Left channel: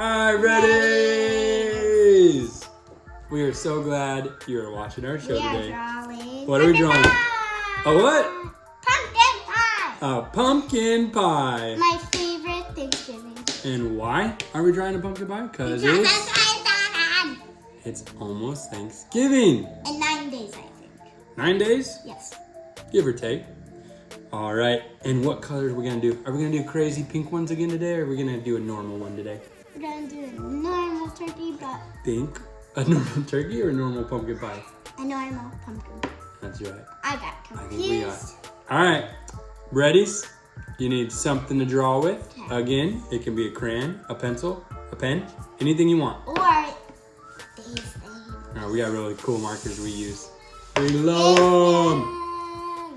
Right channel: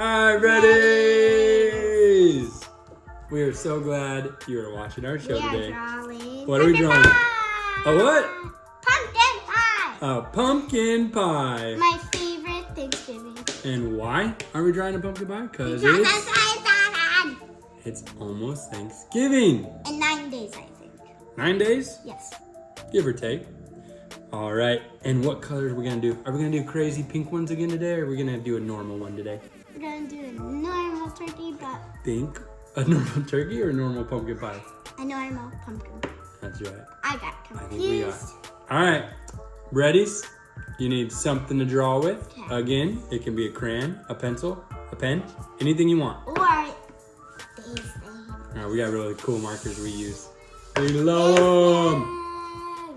All right, Reddies! We are so glad you are watching our show today. What are we drawing? A what? Pumpkin pie. A pumpkin pie. My favorite Thanksgiving. And why are we drawing a pumpkin pie? Because it's almost Thanksgiving. In 9 days, I think. 9 days? Yes. Give or take. All right, and what colors are we gonna do? Are we gonna do crazy pink ones again today, or are we gonna do a normal one today? We're gonna do a normal turkey, but... Think a normal turkey or a normal pumpkin pie? A normal pumpkin pie. That's right. I got confused. I think we are. All right, Reddies? You need something to draw with. Okay. Again, it can be a crayon, a pencil, a pen, anything you want. Or these things. We got really cool markers we use. We love them.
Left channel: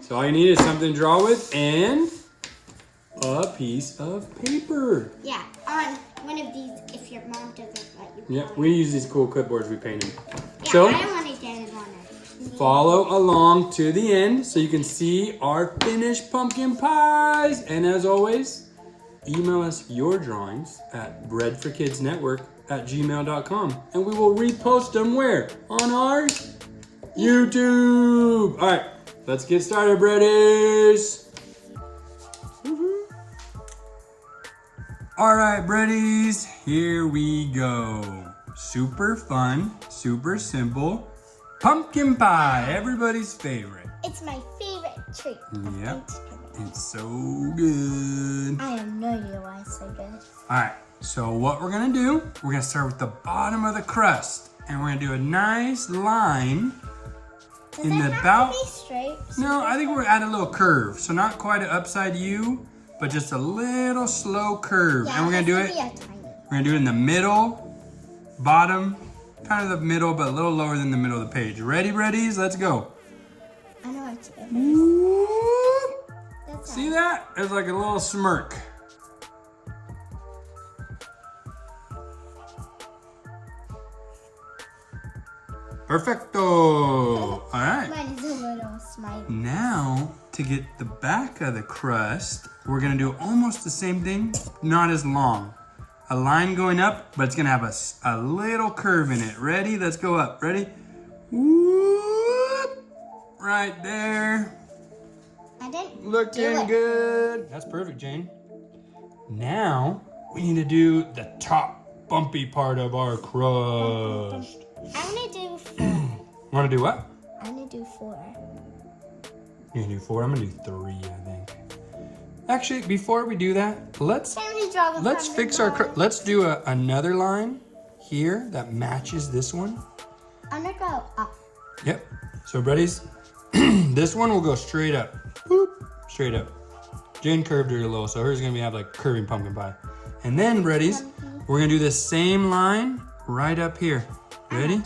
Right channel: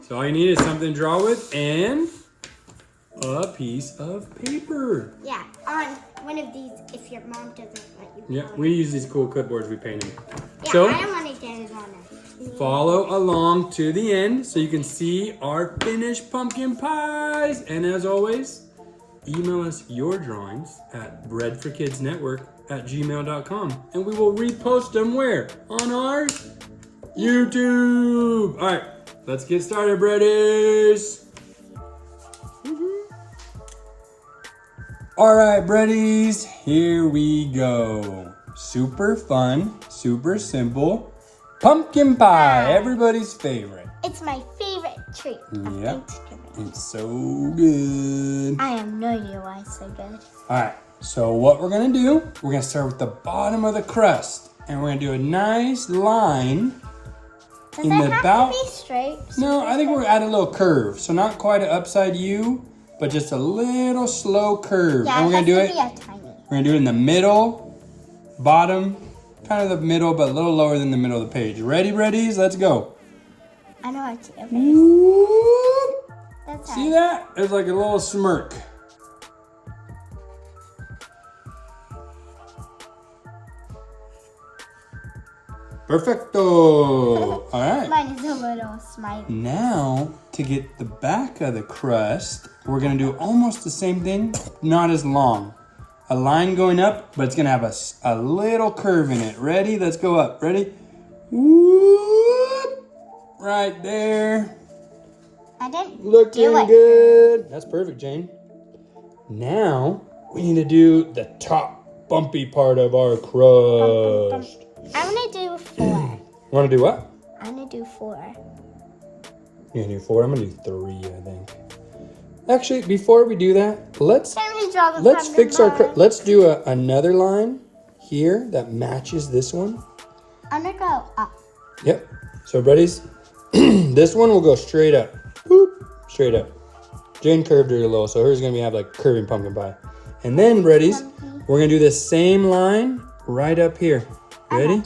So all you need is something to draw with and a piece of paper. Yeah, on one of these if your mom doesn't let you. Yeah, we use these cool clipboards we painted. Yeah, So, I don't want to get it on it. follow along to the end so you can see our finished pumpkin pies. And as always, email us your drawings at breadforkidsnetwork@gmail.com and we will repost them where? On our YouTube. All right, let's get started, Breadies. All right, Breadies, here we go. Super fun, super simple. Pumpkin pie, everybody's favorite. It's my favorite treat. Yep, it's so good. I have no idea why it's so good. All right, so what we're gonna do, we're gonna start with the bottom of the crust. And we're gonna do a nice line Does in it the have about. to be straight? No, I think we're at a little curve. So not quite an upside U, but just a little slow curve. Yeah, And we're gonna do it. Tiny. We're gonna do it in the middle, bottom, kind of the middle, but a little lower than the middle of the page. Ready, Reddies? Let's go. I know it's good. Whoop. That's See that? It's like a little smirk. Perfecto. All right. Mine is a little smiley. Now, to get the back of the crust, we're gonna do almost the same thing, not as long. A line going up, but it's gonna have a little curve in it. Ready? Let's go up. Ready? Whoop! Right there. I didn't Looking do it. good. That's perfect, Jane. Now, we need to do the top bumpy part of our crust. I'm gonna do 4. You wanna do what? I'm gonna do 4. You're gonna do 4, I'm gonna do 3, I think. Actually, before we do that, let's fix our, let's do another line here that matches this one. I'm gonna go up. Yep. So, buddies, this one will go straight up. Boop, straight up. Jane curved her a little, so hers is gonna have like curving pumpkin pie. And then, buddies, we're gonna do the same line right up here. Ready?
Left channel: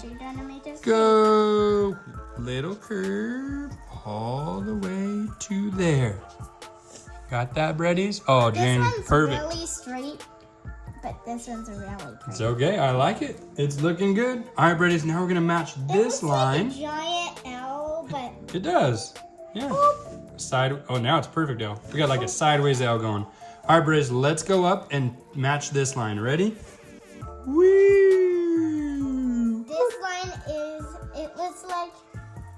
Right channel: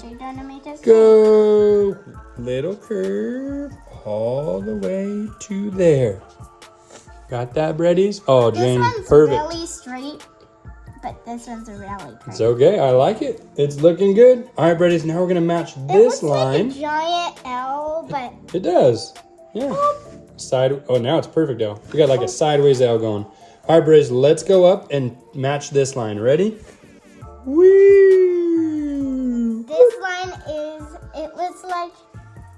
Go. Little curve all the way to there. Got that, Breadies? Oh, Jane, perfect. This one's really straight, but this one's really curvy. It's okay. I like it. It's looking good. All right, Breadies. Now we're gonna match this line. Like a giant L, but It does. Yeah. Side. Oh, now it's perfect, L. We got like a sideways L going. All right, Breadies. Let's go up and match this line. Ready? Woo! this line it was like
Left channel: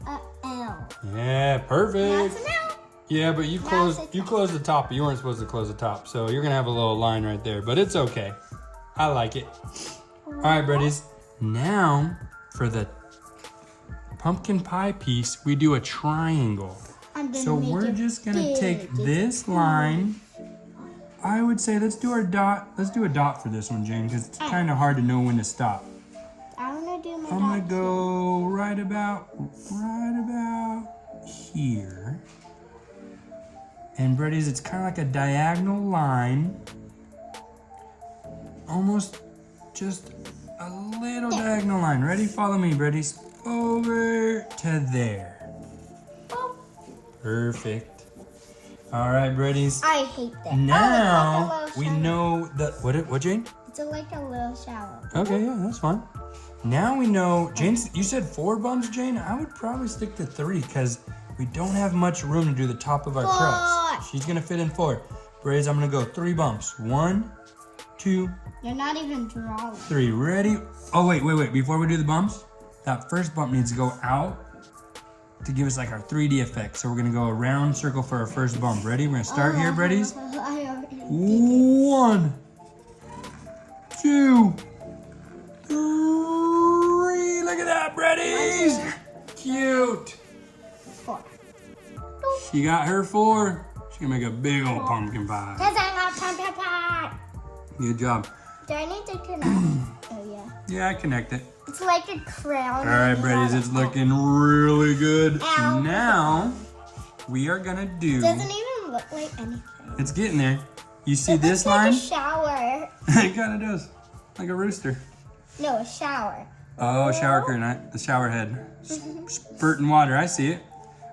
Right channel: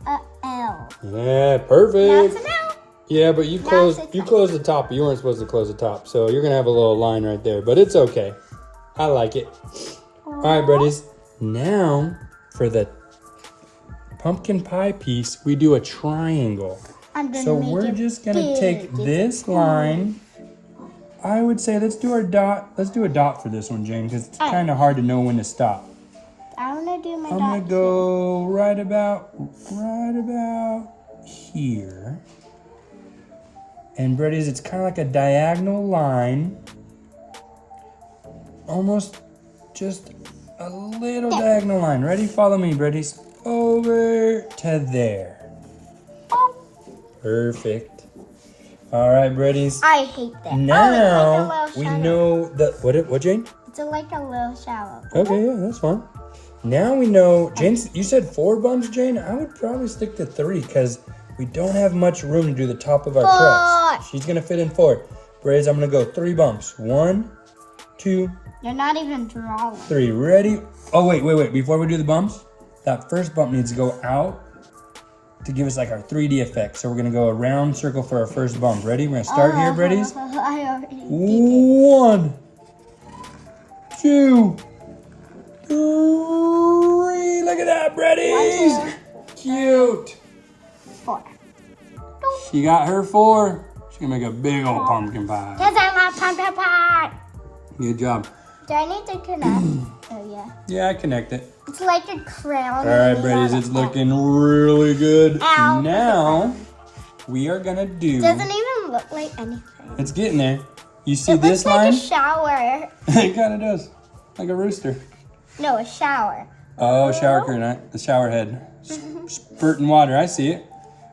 a L. Yeah, Now perfect. it's an L. Yeah, but you Now closed it's you a- closed the top. You weren't supposed to close the top, so you're gonna have a little line right there. But it's okay. I like it. All right, Breadies. Now for the pumpkin pie piece, we do a triangle. I'm gonna So make we're it just gonna big. take this line. I would say let's do our dot. Let's do a dot for this one, Jane, because it's kind of hard to know when to stop. I wanna do my I'm gonna dot. go right about here. And Breadies, it's kind of like a diagonal line. Almost just a little diagonal line. Ready? Follow me, Breadies. Over to there. Oh, Perfect. All right, Breadies. I hate that. Now Oh, it's we like a little know that what, Jane? shallow. It's like a little shallow. Okay, yeah, that's fine. Now we know, Jane, you said 4 bumps, Jane? I would probably stick to 3 because we don't have much room to do the top of our crust. She's gonna fit in 4. Breadies, I'm gonna go 3 bumps. 1, 2, You're not even drawing. 3. Ready? Oh, wait. Before we do the bumps, that first bump needs to go out to give us like our 3D effect. So we're gonna go a round circle for our first bump. Ready? We're gonna start here, Breddies. I already did. 1, 2, 3. Look at that, Breddies. Cute. 4. She got her 4. She's gonna make a big old pumpkin pie. Because I love pumpkin pie. Good job. Do I need to connect? Oh, yeah. Yeah, I connect it. It's like a crown. All right, Breddies, it's looking really good. Ow. Now, we are gonna do... Doesn't even look like anything. It's getting there. You see It this looks like line? a shower. It kind of does. Like a rooster. No, a shower. Oh, shower curtain, the shower head. Spurting water, I see it.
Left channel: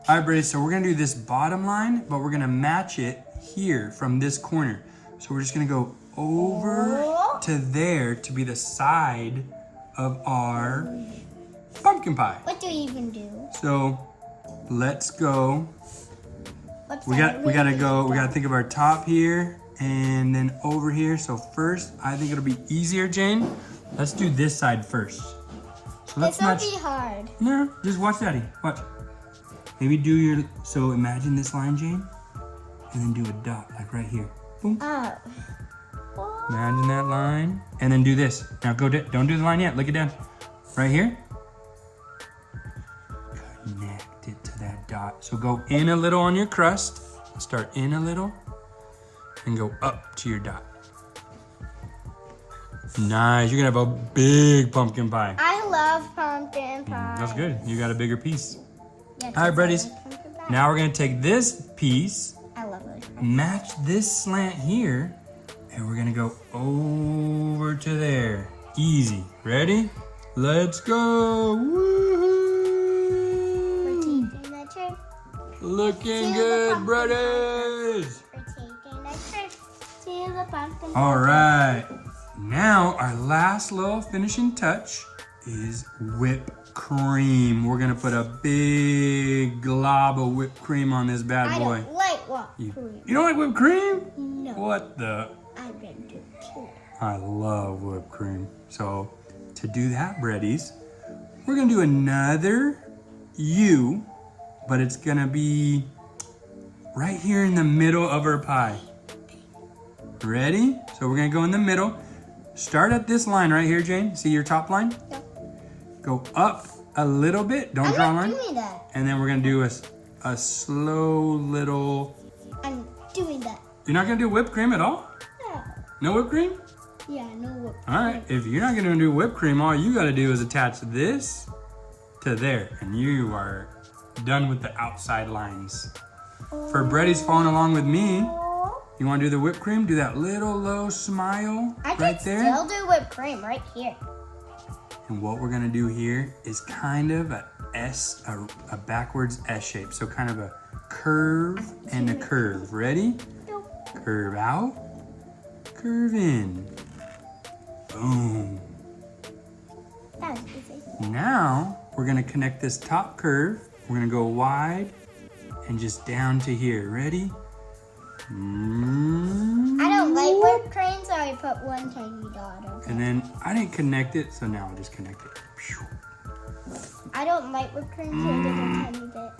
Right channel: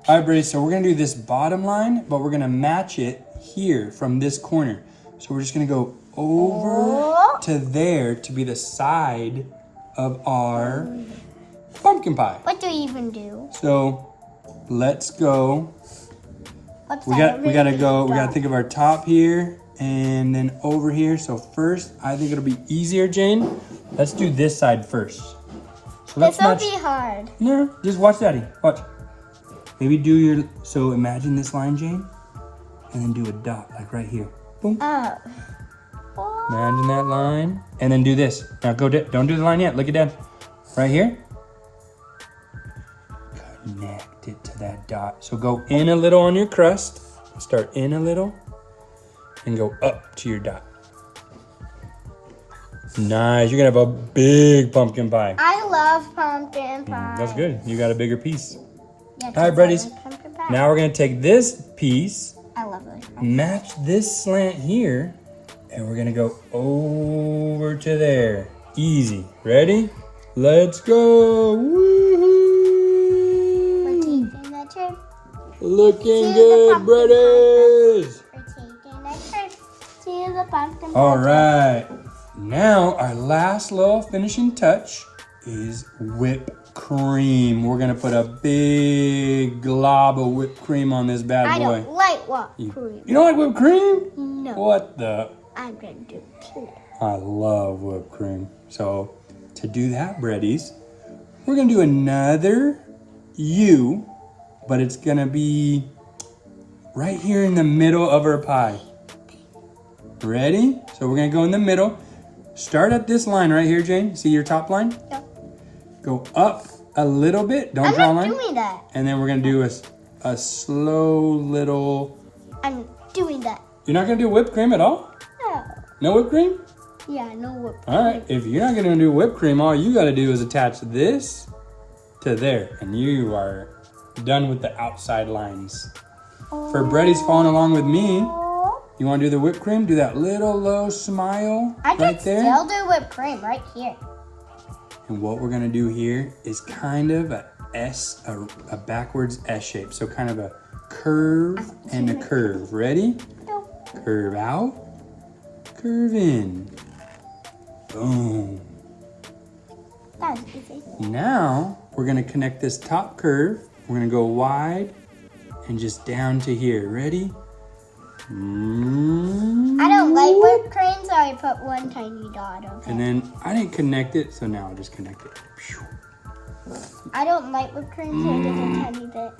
All right, Breddies, so we're gonna do this bottom line, but we're gonna match it here from this corner. So we're just gonna go over to there to be the side of our pumpkin pie. What do you even do? So let's go. What's We that? gotta think of our top here and then over here. So first, I think it'll be easier, Jane. Let's do this side first. So let's This will match. be hard. No, just watch Daddy. Watch. Maybe do your, so imagine this line, Jane, and then do a dot, like right here. Boom. Oh. Imagine that line, and then do this. Now go, don't do the line yet. Look at Dad. Right here. Connect it to that dot. So go in a little on your crust. Start in a little, and go up to your dot. Nice. You're gonna have a big pumpkin pie. I love pumpkin pie. That's good. You got a bigger piece. Yeah, All right, Breddies. pumpkin pie. Now we're gonna take this piece, I love it. match this slant here, and we're gonna go over to there. Easy. Ready? Let's go. Woohoo! Looking good, Breddies. See the pumpkin pie. All right. Now our last little finishing touch is whipped cream. We're gonna put a big glob of whipped cream on this bad I boy. don't like what cream. You don't like whipped cream? No. What the? I'm gonna do it too. I love whipped cream. So to do that, Breddies, we're gonna do another U, but it's gonna be right here in the middle of our pie. Ready? So we're gonna go in the middle. Start at this line right here, Jane. See your top line? Yep. Go up a little bit. Don't I'm draw a not line. doing that. And then we're gonna do a slow little. I'm doing that. You're not gonna do whipped cream at all? No. No whipped cream? Yeah, no work. All right. If you're not gonna do whipped cream, all you gotta do is attach this to there, and you are done with the outside lines. For Breddies following along with me, you wanna do the whipped cream? Do that little low smile I right can there. still do whipped cream right here. And what we're gonna do here is kind of a S, a backwards S shape. So kind of a curve and a curve. Ready? Curve out, curve in. Boom. That's easy. Now we're gonna connect this top curve. We're gonna go wide and just down to here. Ready? I don't like whipped cream, so I put one tiny dot on it. And then I didn't connect it, so now I'll just connect it. I don't like whipped cream, so I put a tiny bit.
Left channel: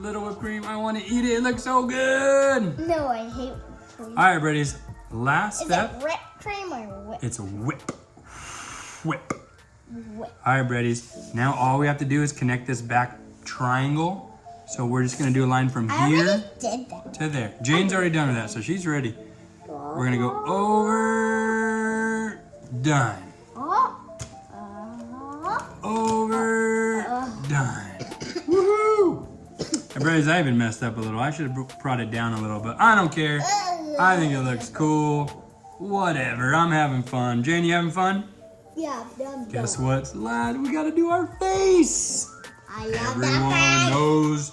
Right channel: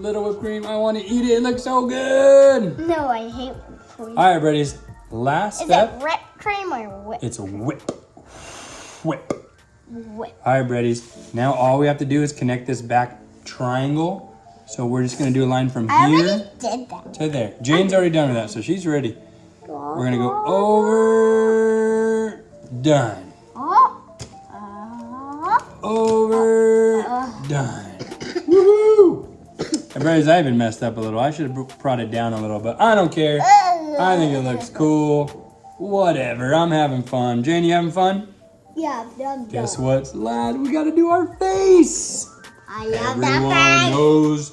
Little whipped cream. I want to eat it. It looks so good. No, I hate whipped cream. All right, Breddies. Last Is step. it whipped cream or whip? It's a whip. Whip. Whip. All right, Breddies. Now all we have to do is connect this back triangle. So we're just gonna do a line from I here already did that. to there. Jane's already done with that, so she's ready. We're gonna go over, done. Over, done. Woohoo! And Breddies, I even messed up a little. I should have brought it down a little, but I don't care. I think it looks cool. Whatever, I'm having fun. Jane, you having fun? Yeah, I've done that. Guess what's lad? We gotta do our face. I love Everyone that. knows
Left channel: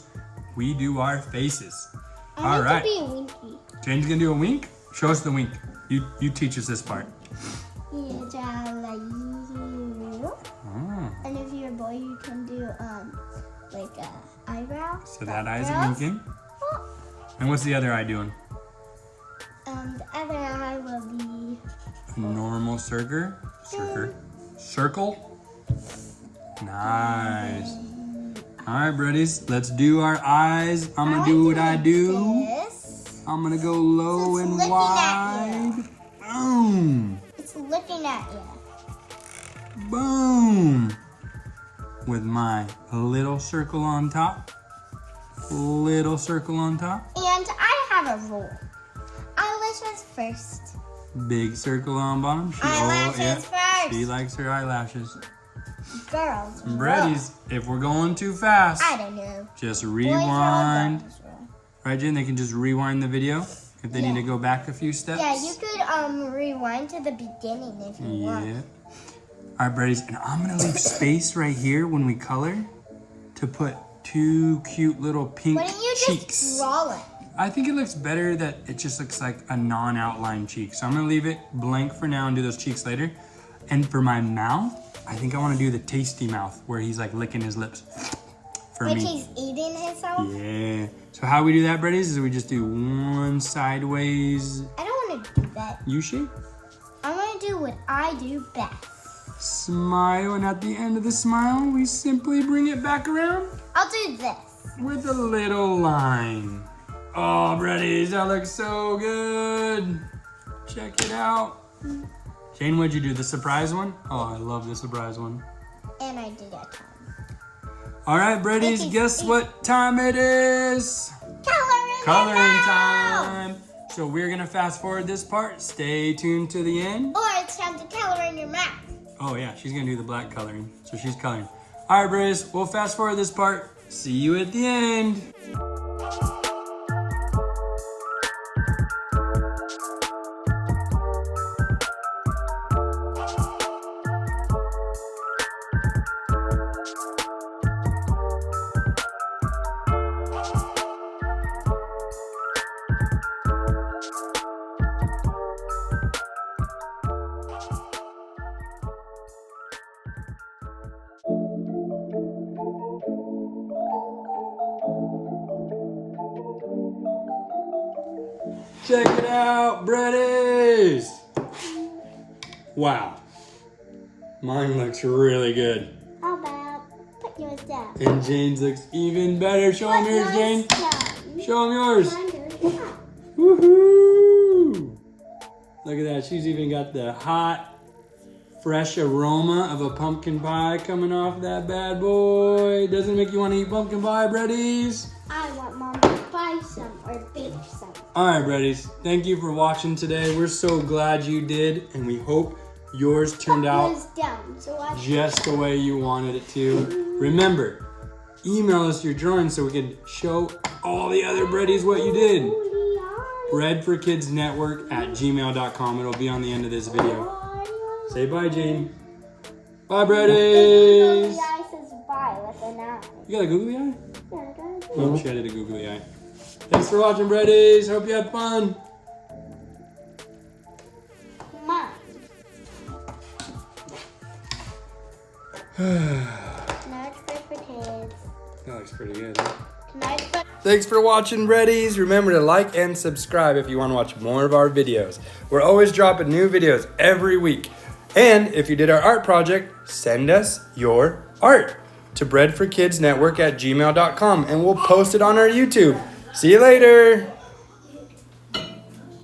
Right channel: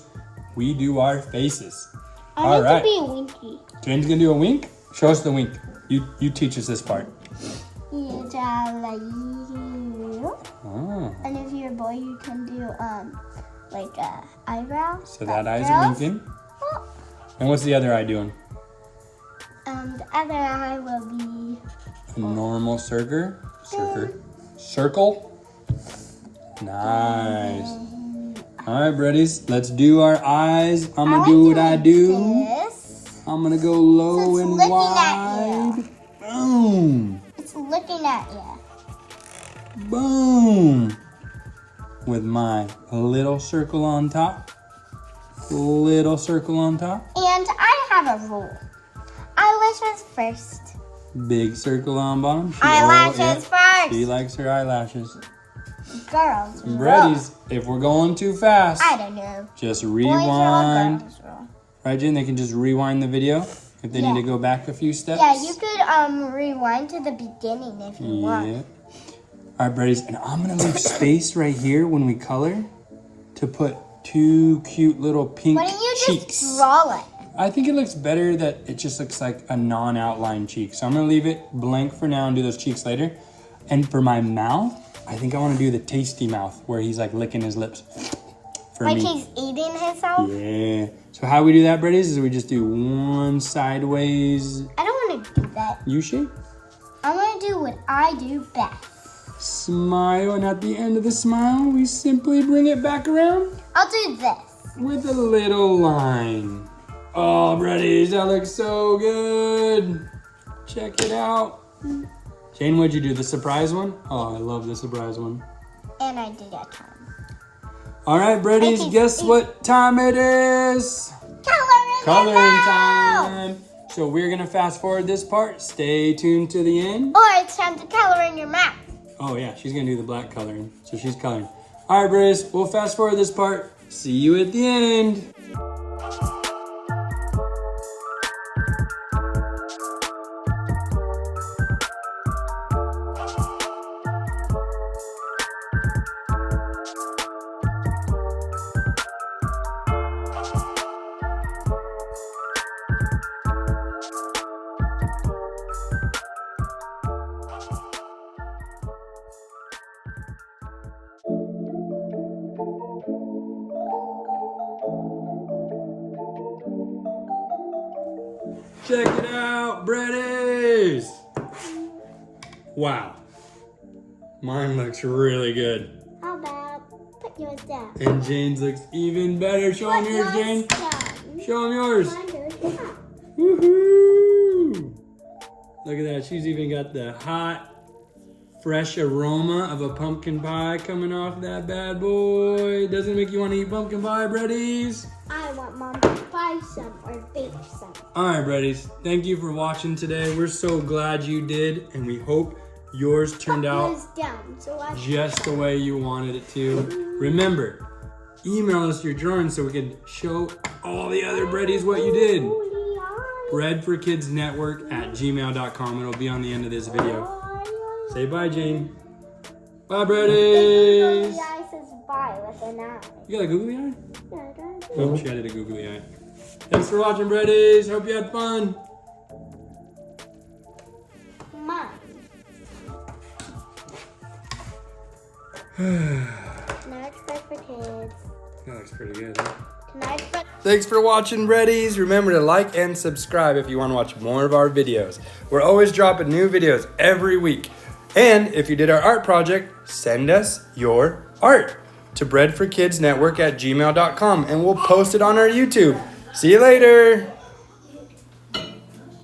we do our faces. I All want right. to be winky. Jane's gonna do a wink. Show us the wink. You teach us this part. You have like you. Ah, And if you're a boy, you can do like eyebrow. so that eye's winking. And what's the other eye doing? The other eye will be A normal almost circle. Nice. All right, buddies, let's do our eyes. I'm gonna do what I do. I'm gonna go low and wide. Boom. It's looking at you. Boom. With my little circle on top. Little circle on top. And I have a rule. Eyelashes first. Big circle on bottom. Eyelashes first. She likes her eyelashes. Girls. Reddies, if we're going too fast, I don't know. just rewind. Right, Jen? They can just rewind the video if they need to go back a few steps. Yeah, you could rewind to the beginning if you want. All right, buddies, and I'm gonna leave space right here when we color to put two cute little pink Why don't you cheeks. just draw it? I think it looks better that it just looks like a non-outline cheek. So I'm gonna leave it blank for now and do those cheeks later. And for my mouth, I think I wanna do the tasty mouth where he's like licking his lips for like me. Like he's eating himself? Yeah. So how we do that, buddies, is we just do one sideways I don't wanna do that. U shape. I wanna do what I do best. Smile, and at the end of the smile, we simply bring it back around. I'll do this. With a little line. Oh, buddies, that looks so good. Check it out. Jane, what'd you do? The surprise one? Oh, I love the surprise one. And I did that time. All right, buddies, guess what time it is? Coloring time. So we're gonna fast forward this part. Stay tuned to the end. Or it's time to color in your mouth. Oh yeah, she's gonna do the black coloring. So she's coloring. All right, buddies, we'll fast forward this part. See you at the end. Check it out, Breddies! Wow. Mine looks really good. How about put yours down? And Jane's looks even better. Show them yours, Jane. Show them yours. Woohoo! Look at that. She's even got the hot, fresh aroma of a pumpkin pie coming off that bad boy. Doesn't it make you want to eat pumpkin pie, Breddies? I want Mom to buy some or bake some. All right, Breddies. Thank you for watching today. We're so glad you did, and we hope yours turned out just the way you wanted it to. Remember, email us your drawings so we can show all the other Breddies what you did. breadforkidsnetwork@gmail.com. It'll be on the end of this video. Say bye, Jane. Bye, Breddies. Googly eye says bye with an eye. You got a googly eye? Yeah, I got it. Oh, she added a googly eye. Thanks for watching, Breddies. Hope you had fun. Mine. Tonight's Bread for Kids. That looks pretty good, huh? Tonight's Bread. Thanks for watching, Breddies. Remember to like and subscribe if you want to watch more of our videos. We're always dropping new videos every week. And if you did our art project, send us your art to breadforkidsnetwork@gmail.com and we'll post it on our YouTube. See you later.